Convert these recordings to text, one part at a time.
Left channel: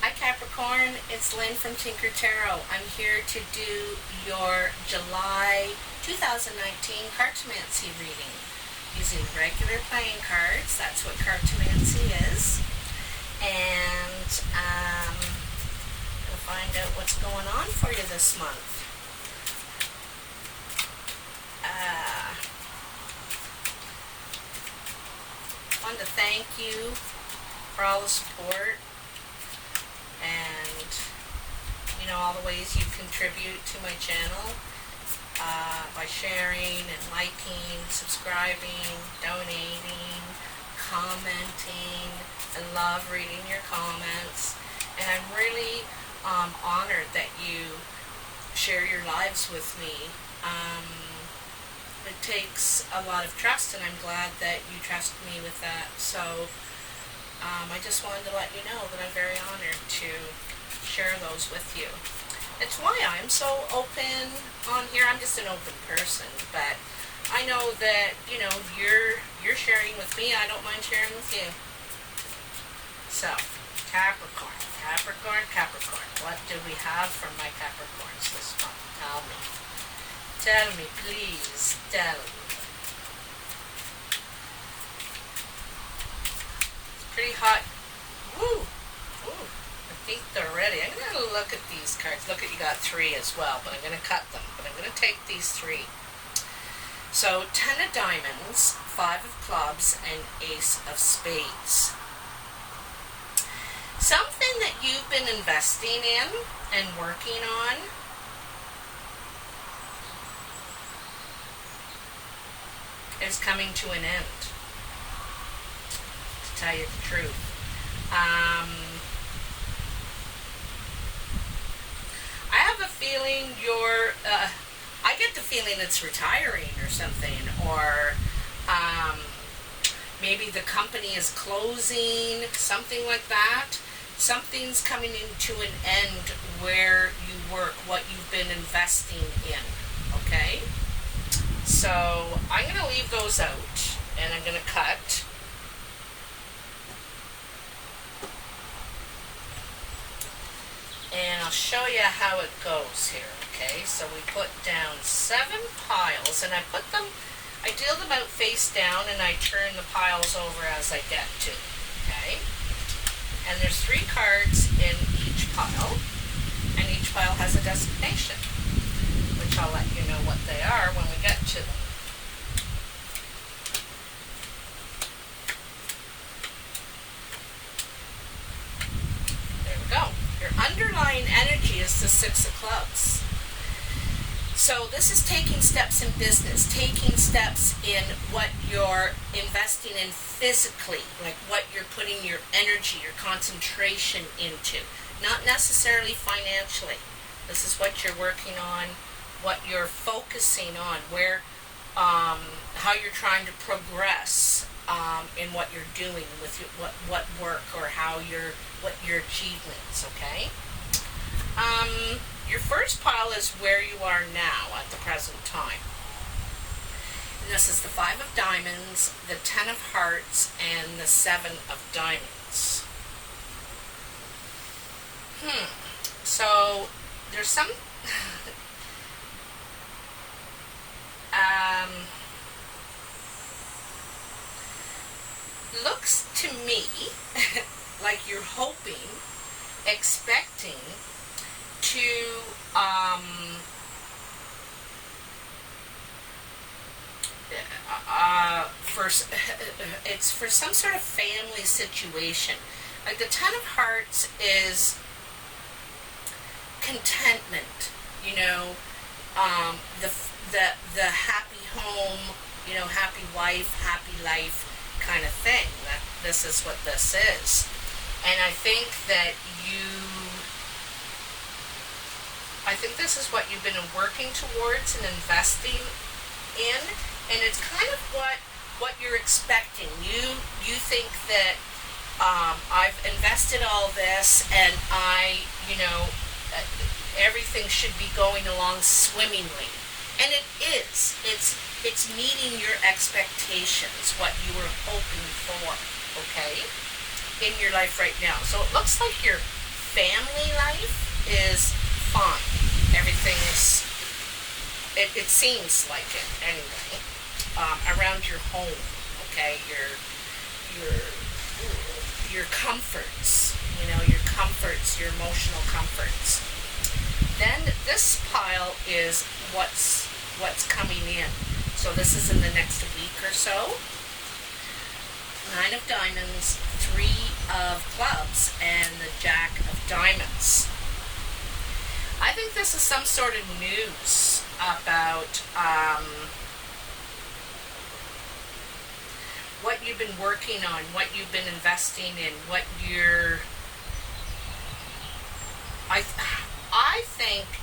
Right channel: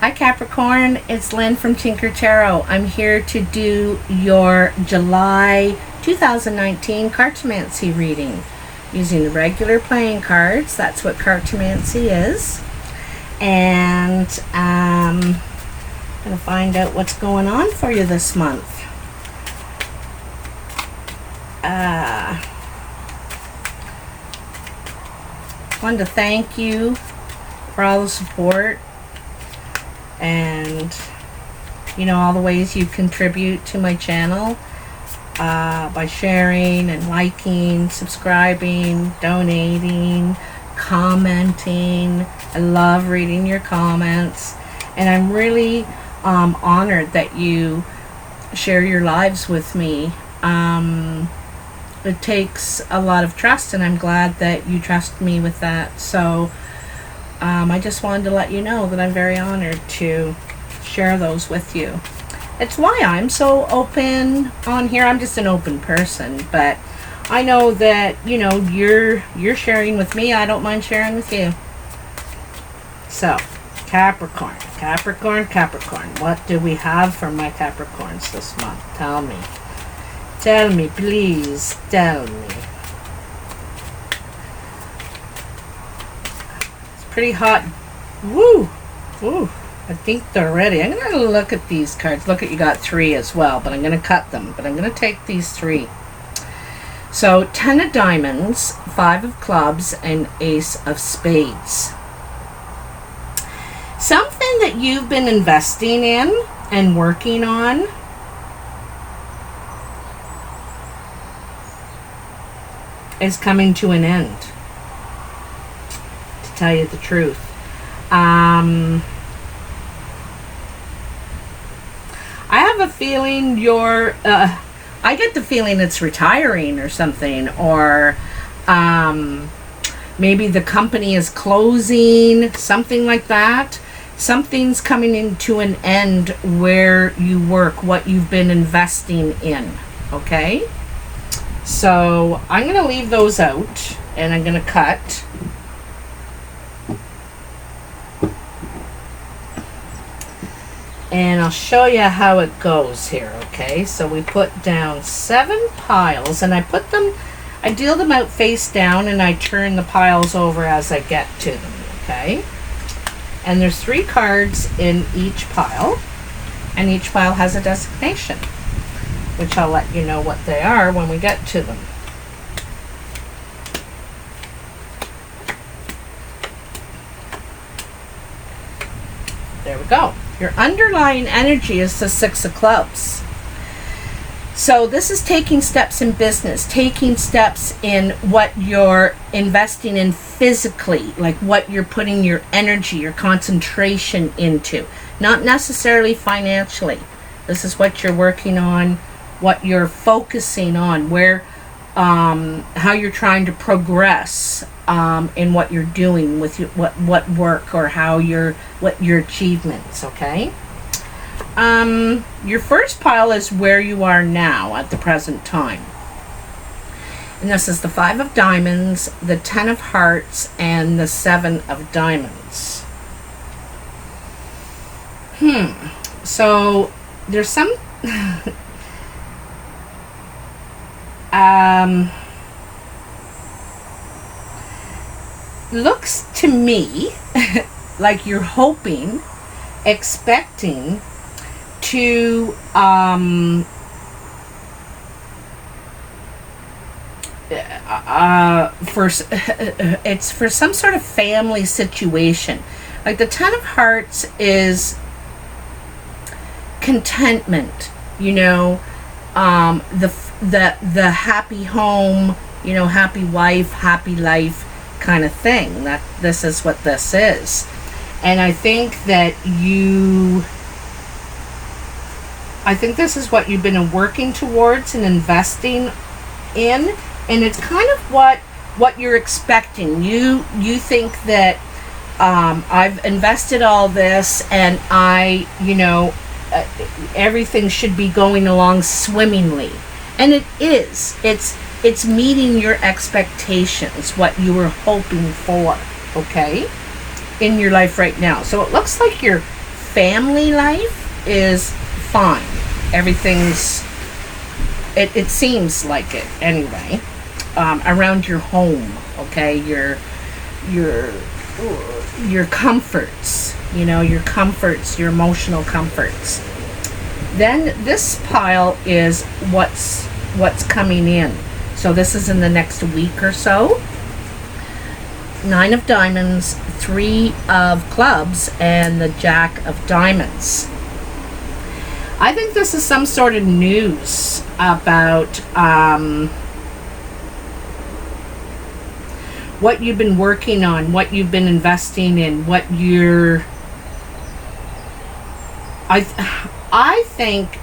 Hi Capricorn, it's Lynn from Tinker Tarot. I'm here to do your July 2019 Cartomancy reading using the regular playing cards. That's what Cartomancy is. And I'm going to find out what's going on for you this month. Wanted to thank you for all the support and all the ways you contribute to my channel by sharing and liking, subscribing, donating, commenting. I love reading your comments, and I'm really honored that you share your lives with me. It takes a lot of trust, and I'm glad that you trust me with that. So I just wanted to let you know that I'm very honored to share those with you. It's why I'm so open on here. I'm just an open person, but I know that you're sharing with me. I don't mind sharing with you. So Capricorn, what do we have for my Capricorns this month? Tell me, please tell me. Pretty hot. Woo! I think they're ready. I'm going to look at these cards. Look at, you got 3 as well, but I'm going to cut them. But I'm going to take these 3. So 10 of diamonds, 5 of clubs, and ace of spades. Something that you've been investing in and working on is coming to an end, to tell you the truth. I have a feeling I get the feeling it's retiring or something, or maybe the company is closing, something like that. Something's coming into an end where you work, what you've been investing in, okay? So I'm going to leave those out, and I'm going to cut. And I'll show you how it goes here, okay? So we put down 7 piles, and I deal them out face down, and I turn the piles over as I get to them, okay? And there's 3 cards in each pile, and each pile has a designation, which I'll let you know what they are when we get to them. There we go. Your underlying energy is the 6 of clubs. So this is taking steps in business, taking steps in what you're investing in physically, like what you're putting your energy, your concentration into, not necessarily financially. This is what you're working on, what you're focusing on, where, how you're trying to progress in what you're doing with what work, or what your achievements, okay? Your first pile is where you are now at the present time. And this is the 5 of diamonds, the 10 of hearts, and the 7 of diamonds. So there's some looks to me like you're hoping, expecting to it's for some sort of family situation. Like the 10 of hearts is contentment, the happy home, happy wife, happy life kind of thing. That this is what this is. And I think that this is what you've been working towards and investing in, and it's kind of what you're expecting. You think that I've invested all this, and everything should be going along swimmingly, and it is. It's meeting your expectations, what you were hoping for, okay, in your life right now. So it looks like you're family life is fine. Everything's, it seems like it anyway. Around your home, okay, your comforts, you know, your comforts, your emotional comforts. Then this pile is what's coming in. So this is in the next week or so. 9 of diamonds, 3 of clubs, and the Jack of diamonds. I think this is some sort of news about what you've been working on, what you've been investing in, what you're... I think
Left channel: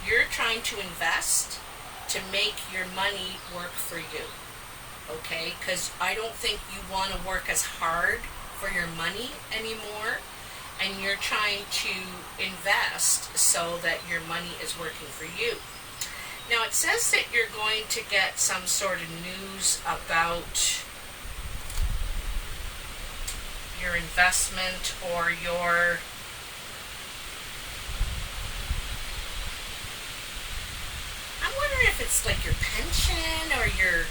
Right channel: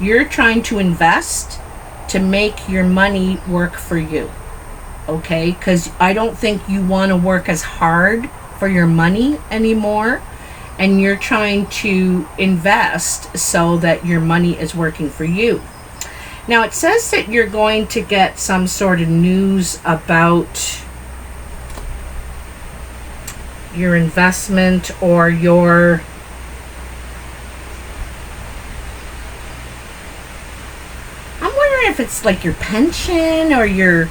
you're trying to invest to make your money work for you, okay? Because I don't think you want to work as hard for your money anymore, and you're trying to invest so that your money is working for you. Now, it says that you're going to get some sort of news about your investment or your... I'm wondering if it's like your pension or your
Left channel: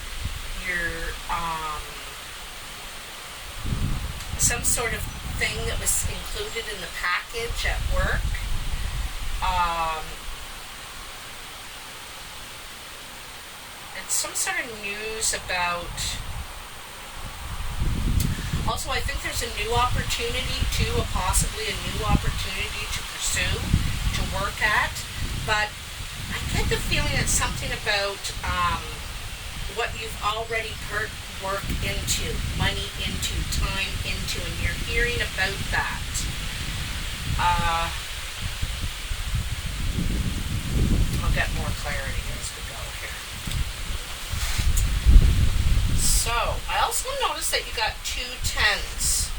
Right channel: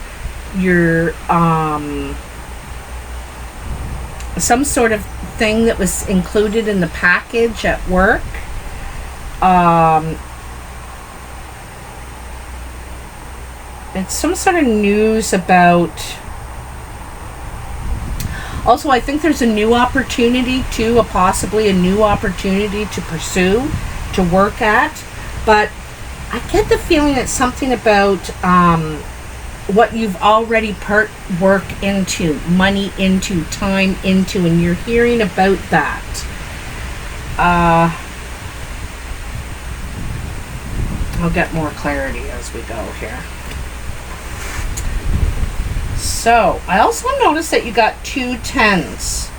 some sort of thing that was included in the package at work. It's some sort of news about... Also, I think there's a new opportunity too, possibly a new opportunity to pursue, to work at. But I get the feeling it's something about what you've already put work into, money into, time into, and you're hearing about that. I'll get more clarity as we go here. So, I also noticed that you got 2 10s.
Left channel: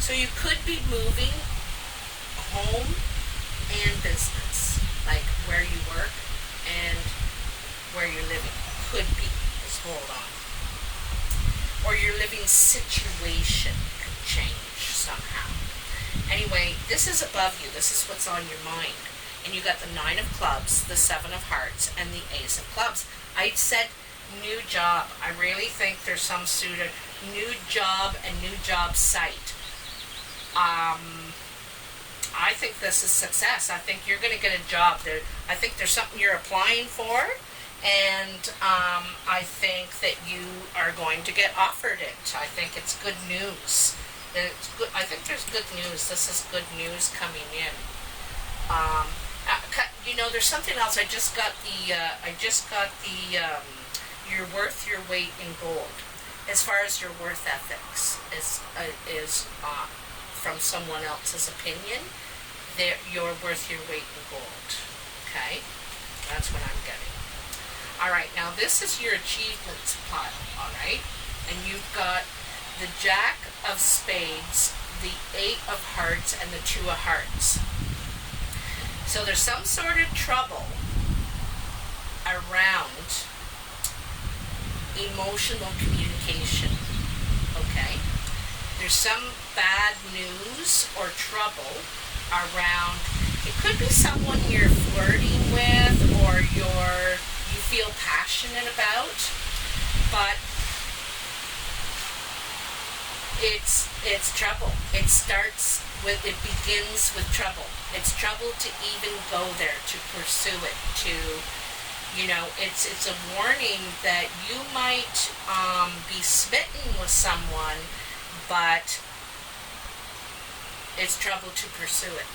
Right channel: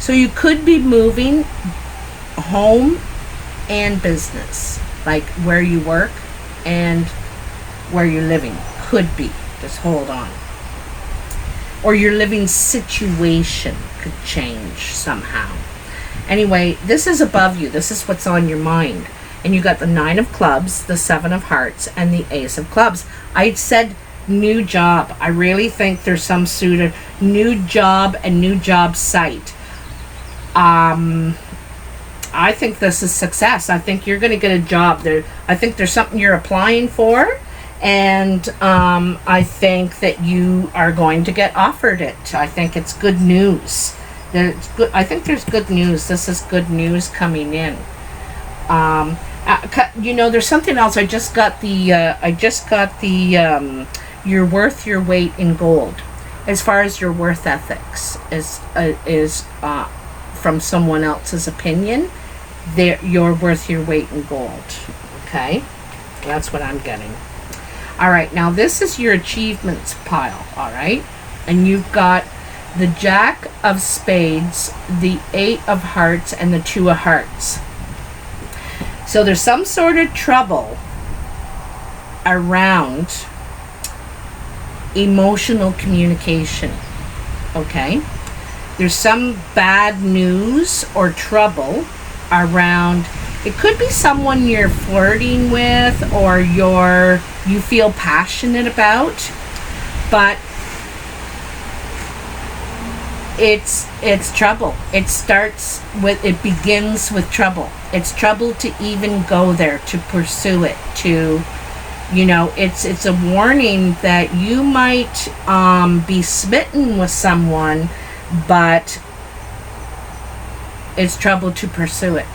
So you could be moving home and business, like where you work and where you're living. Could be. Just hold on. Or your living situation could change somehow. Anyway, this is above you. This is what's on your mind. And you got the 9 of clubs, the 7 of hearts, and the Ace of clubs. I said new job. I really think there's some sort of new job and new job site. I think this is success. I think you're going to get a job there. I think there's something you're applying for, and I think that you are going to get offered it. I think it's good news. It's good. I think there's good news. This is good news coming in. You know, there's something else. I just got the you're worth your weight in gold. As far as your worth ethics is from someone else's opinion, you're worth your weight in gold. Okay, that's what I'm getting. All right, now this is your achievements pile. All right, and you've got the Jack of spades, the 8 of hearts, and the 2 of hearts. So there's some sort of trouble around emotional communication, okay? There's some bad news or trouble around... It could be someone you're flirting with or you feel passionate about, but it's trouble. It begins with trouble. It's trouble to even go there, to pursue it, to... You know, it's a warning that you might be smitten with someone, but it's trouble to pursue it.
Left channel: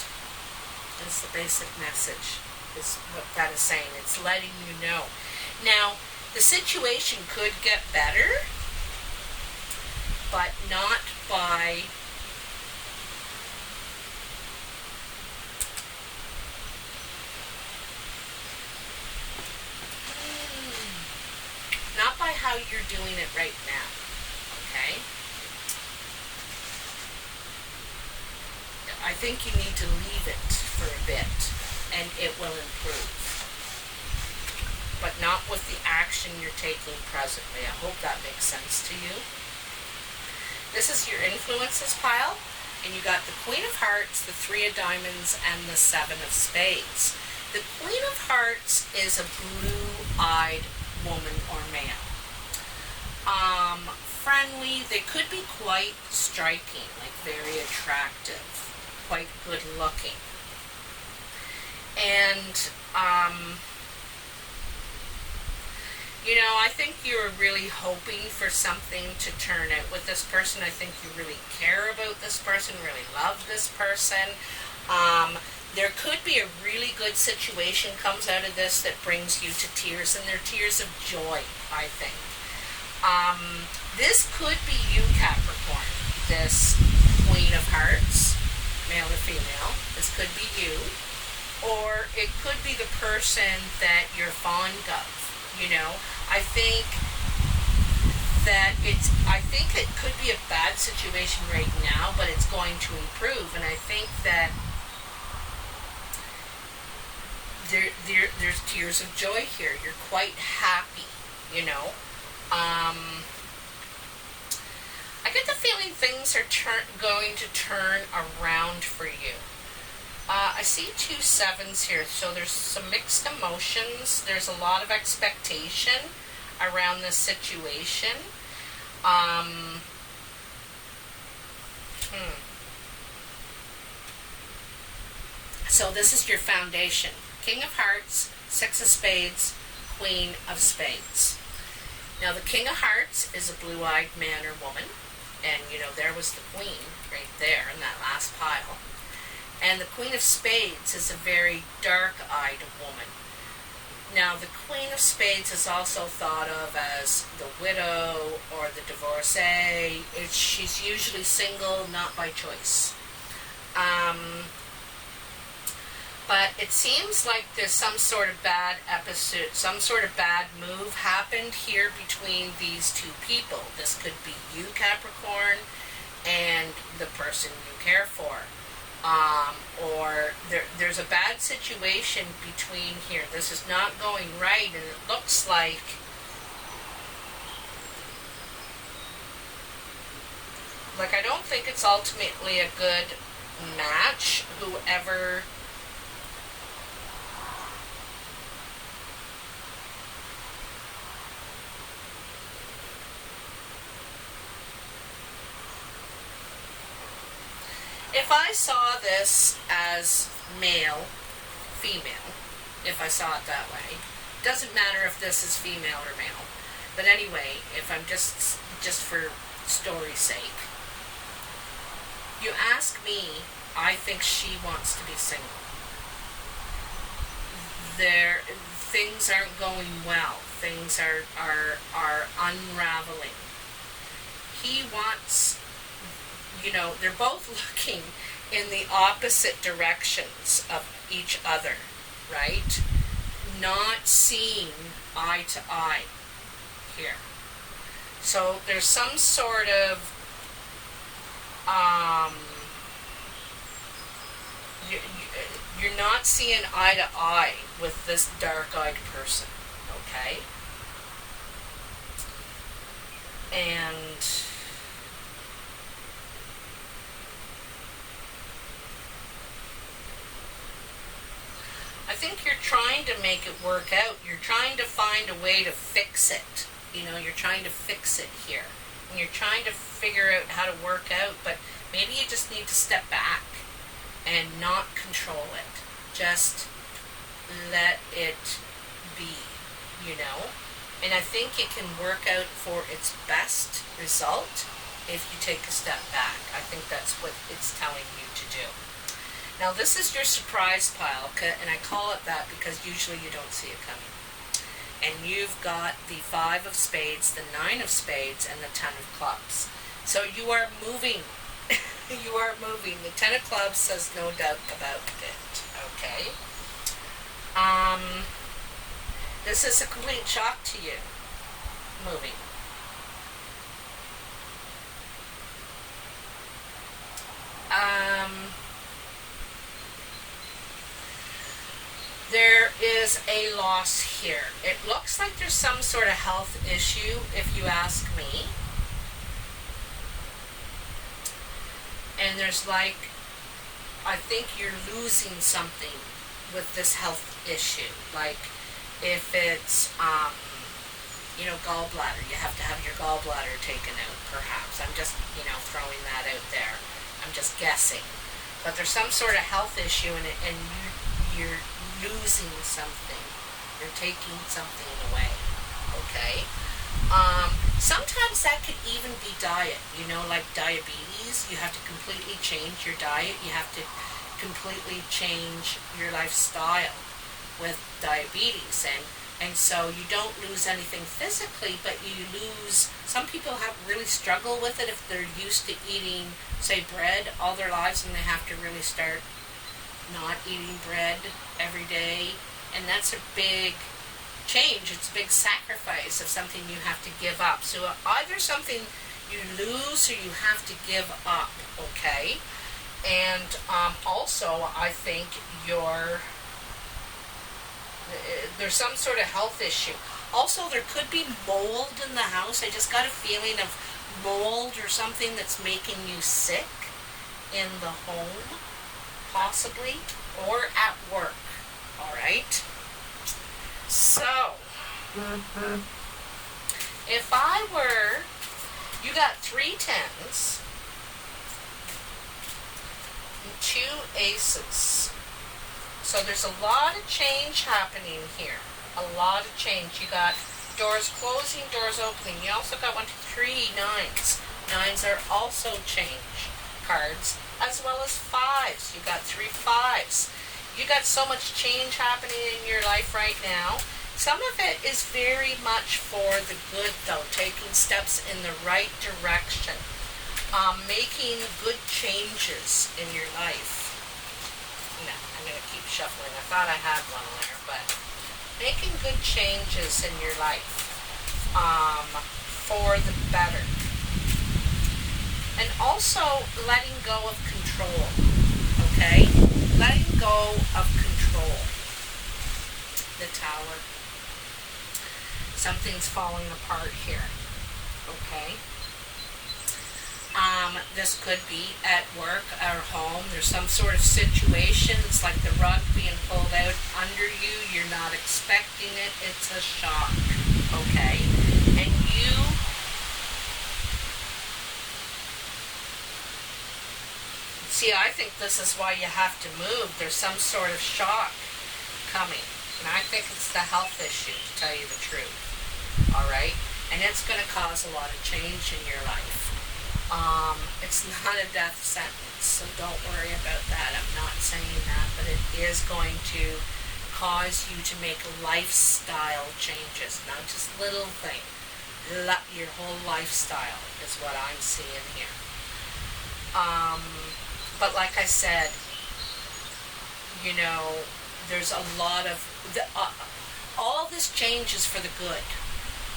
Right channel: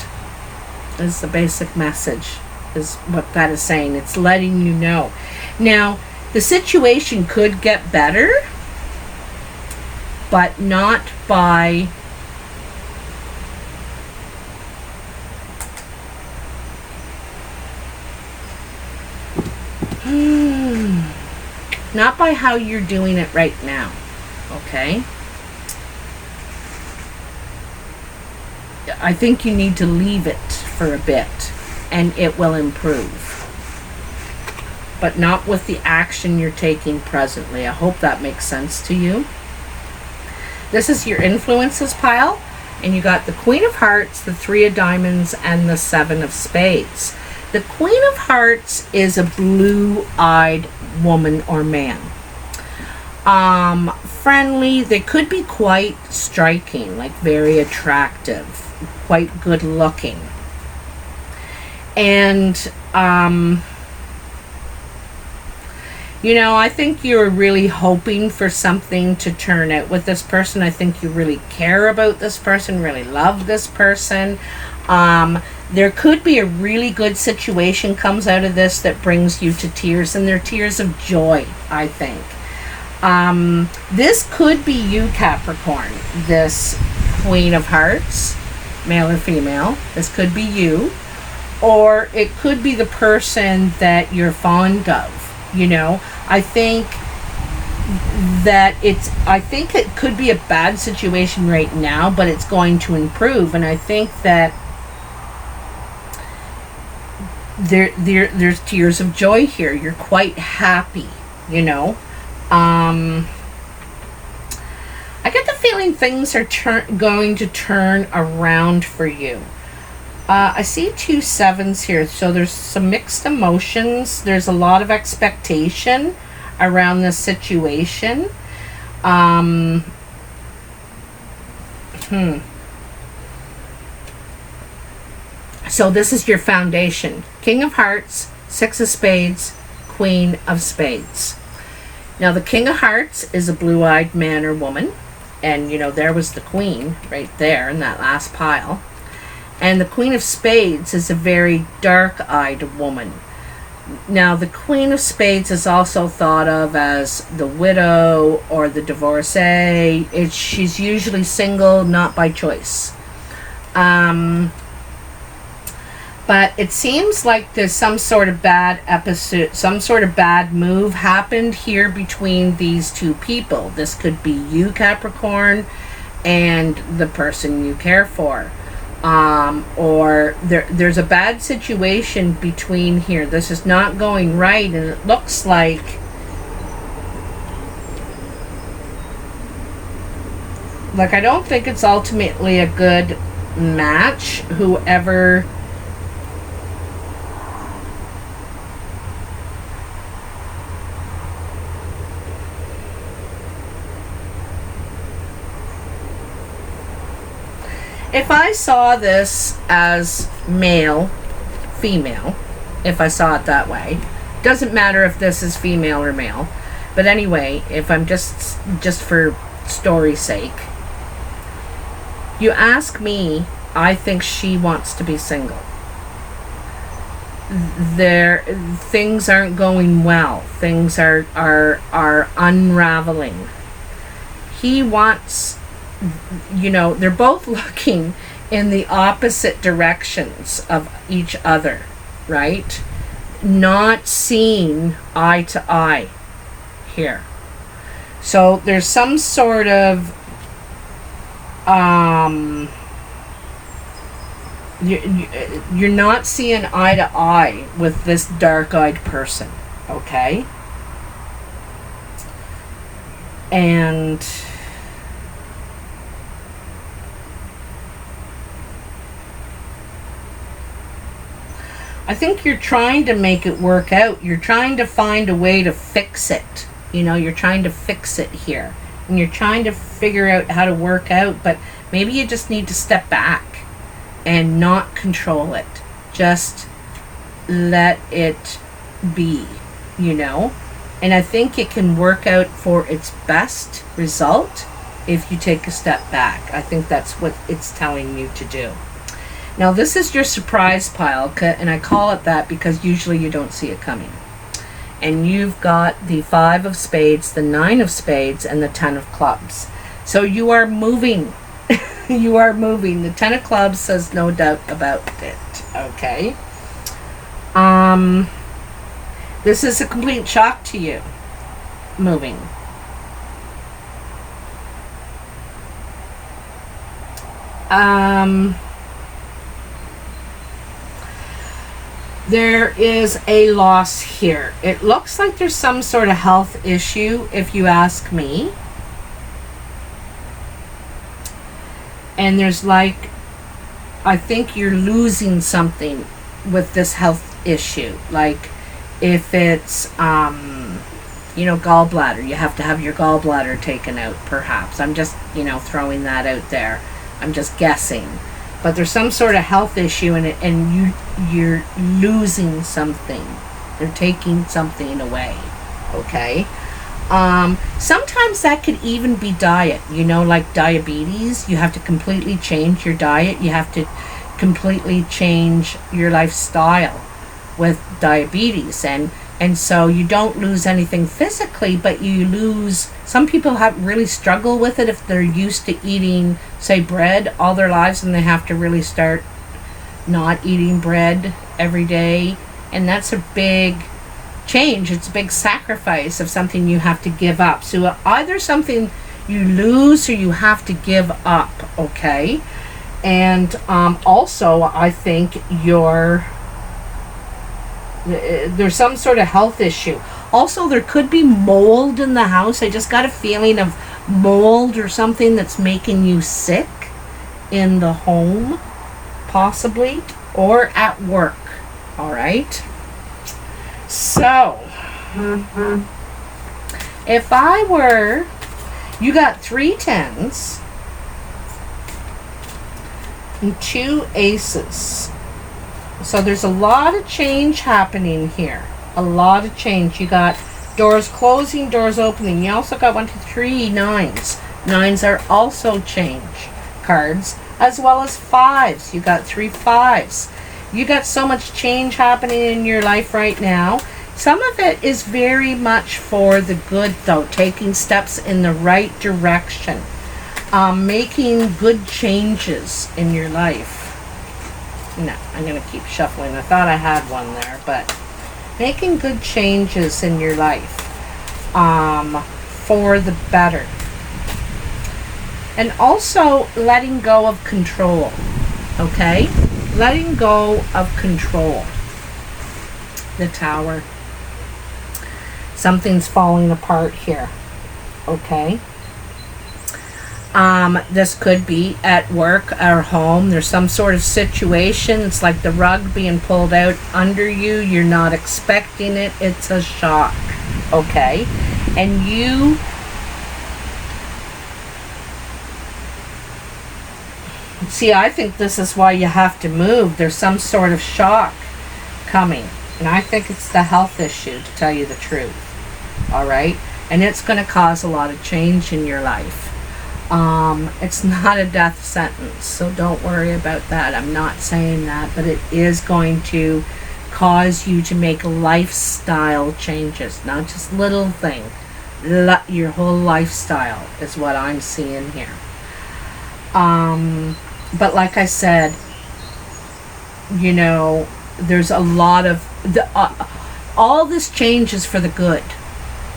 Is the basic message, is what that is saying. It's letting you know. Now, the situation could get better, but not by... Not by how you're doing it right now, okay? I think you need to leave it for a bit, and it will improve. But not with the action you're taking presently. I hope that makes sense to you. This is your influences pile, And you got the Queen of Hearts, the Three of Diamonds, and the Seven of Spades. The Queen of Hearts is a blue-eyed woman or man. Friendly. They could be quite striking, like very attractive, quite good looking. And, you know, I think you're really hoping for something to turn out with this person. I think you really care about this person, really love this person. There could be a really good situation comes out of this that brings you to tears, and they're tears of joy, I think. This could be you, Capricorn, this Queen of Hearts, male or female. This could be you. Or it could be the person that you're fond of, you know. I think it could be a bad situation right now, but it's going to improve. And I think that there's tears of joy here. You're quite happy, you know. I get the feeling things are going to turn around for you. I see 2 sevens here, so there's some mixed emotions. There's a lot of expectation around this situation. Some So this is your foundation. King of Hearts, Six of Spades, Queen of Spades. Now the King of Hearts is a blue-eyed man or woman. And, you know, there was the Queen right there in that last pile. And the Queen of Spades is a very dark-eyed woman. Now, the Queen of Spades is also thought of as the widow or the divorcee. She's usually single, not by choice. But it seems like there's some sort of bad episode, some sort of bad move happened here between these two people. This could be you, Capricorn, and the person you care for. Or there's a bad situation between here. This is not going right, and it looks like I don't think it's ultimately a good match. Whoever if I saw this as male, female, if I saw it that way, doesn't matter if this is female or male, but anyway, if I'm just for story's sake, you ask me, I think she wants to be single. Things aren't going well. Things are unraveling. He wants, you know, they're both looking in the opposite directions of each other, right? Not seeing eye to eye here. So there's some sort of you're not seeing eye to eye with this dark-eyed person, okay? And I think you're trying to make it work out. You're trying to find a way to fix it. You know, you're trying to fix it here. And you're trying to figure out how to work out, but maybe you just need to step back and not control it. Just let it be, you know? And I think it can work out for its best result if you take a step back. I think that's what it's telling you to do. Now this is your surprise pile, and I call it that because usually you don't see it coming. And you've got the 5 of Spades, the 9 of Spades, and the 10 of Clubs. So you are moving. You are moving. The 10 of Clubs says no doubt about it. Okay? This is a complete shock to you. Moving. There is a loss here. It looks like there's some sort of health issue, if you ask me. And there's like, I think you're losing something with this health issue. Like if it's, gallbladder, you have to have your gallbladder taken out perhaps. I'm just, throwing that out there. I'm just guessing. But there's some sort of health issue in it, and you're losing something. They're taking something away. Okay? Sometimes that could even be diet, like diabetes. You have to completely change your diet. You have to completely change your lifestyle with diabetes. And so you don't lose anything physically, but you lose, some people really struggle with it if they're used to eating, say, bread all their lives, and they have to really start not eating bread every day. And that's a big change. It's a big sacrifice of something you have to give up. So either something you lose or you have to give up, okay? And also, I think there's some sort of health issue. Also, there could be mold in the house. I just got a feeling of mold or something that's making you sick in the home, possibly, or at work. All right? So, if I were, you got 3 tens and 2 aces. So there's a lot of change happening here. A lot of change. You got doors closing, doors opening. You also got 1, 2, 3 nines. Nines are also change cards, as well as 5s. You got 3 5s. You got so much change happening in your life right now. Some of it is very much for the good, though. Taking steps in the right direction. Making good changes in your life. No, I'm going to keep shuffling. I thought I had one there, but making good changes in your life for the better. And also letting go of control, okay? Letting go of control. The Tower. Something's falling apart here, okay? This could be at work or home. There's some sort of situation. It's like the rug being pulled out under you. You're not expecting it. It's a shock. Okay? And you... See, I think this is why you have to move. There's some sort of shock coming. And I think it's the health issue, to tell you the truth. Alright? And it's going to cause a lot of change in your life. It's not a death sentence, so don't worry about that. I'm not saying that, but it is going to cause you to make lifestyle changes, not just little things. Your whole lifestyle is what I'm seeing here. But like I said, there's a lot of all this change is for the good.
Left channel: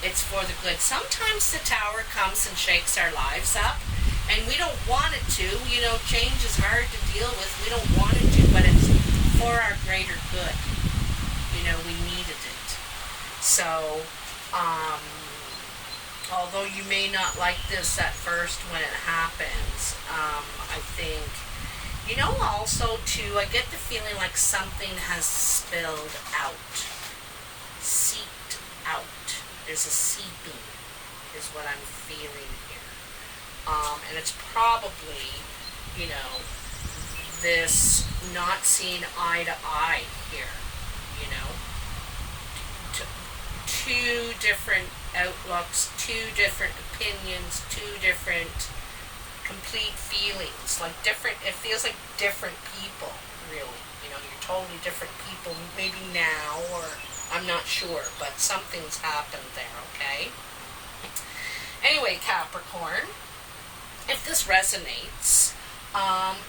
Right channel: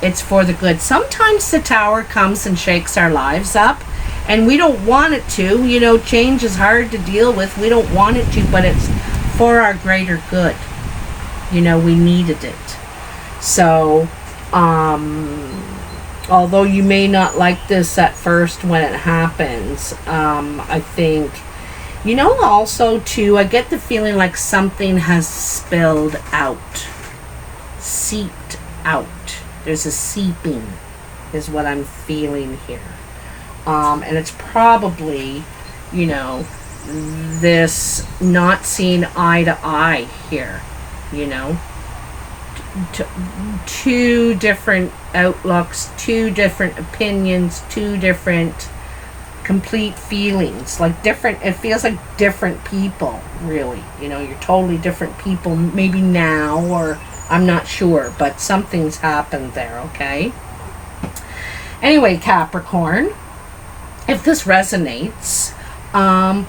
It's for the good. Sometimes the Tower comes and shakes our lives up, and we don't want it to. Change is hard to deal with. We don't want it to, but it's for our greater good. We needed it. So, although you may not like this at first when it happens, I think, also too, I get the feeling like something has spilled out, seeped out. There's a seeping, is what I'm feeling here. And it's probably, this not seeing eye to eye here, two different outlooks, two different opinions, two different complete feelings, like different, it feels like different people, really. You're totally different people, maybe now, or I'm not sure, but something's happened there, okay? Anyway, Capricorn, if this resonates,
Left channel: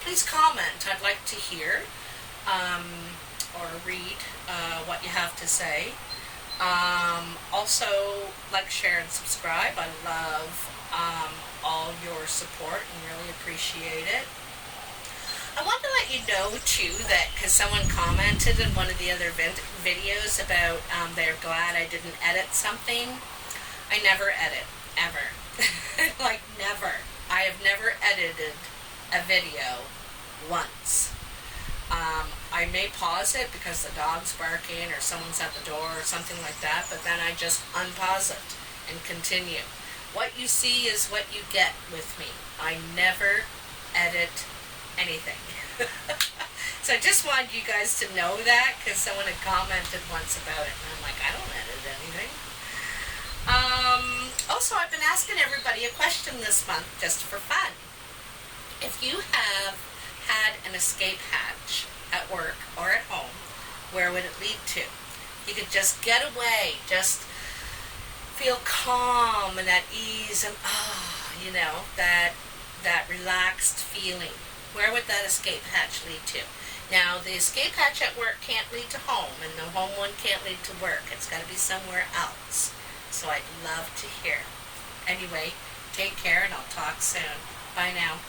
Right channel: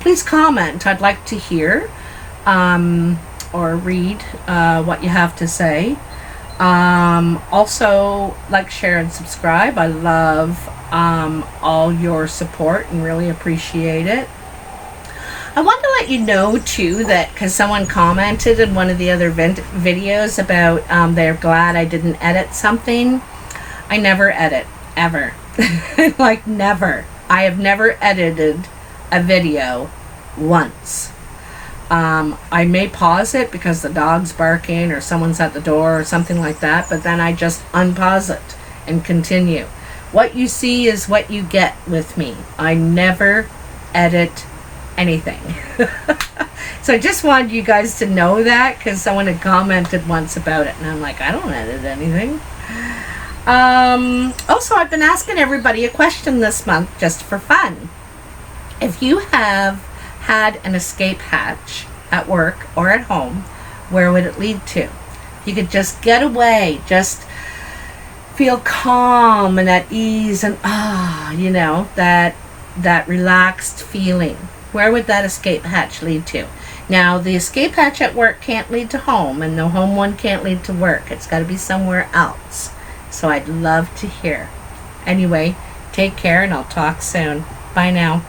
please comment. I'd like to hear or read what you have to say. Also, like, share, and subscribe. I love all your support and really appreciate it. I want to let you know, too, that because someone commented in one of the other videos about they're glad I didn't edit something. I never edit, ever. Like, never. I have never edited a video once. I may pause it because the dog's barking or someone's at the door or something like that, but then I just unpause it and continue. What you see is what you get with me. I never edit anything. So I just wanted you guys to know that, because someone had commented once about it, and I'm like, I don't edit anything. Also, I've been asking everybody a question this month just for fun. If you have had an escape hatch at work or at home, where would it lead to? You could just get away, just feel calm and at ease and you know, that relaxed feeling. Where would that escape hatch lead to? Now, the escape hatch at work can't lead to home, and the home one can't lead to work. It's got to be somewhere else. So I'd love to hear. Anyway, take care, and I'll talk soon. Bye now.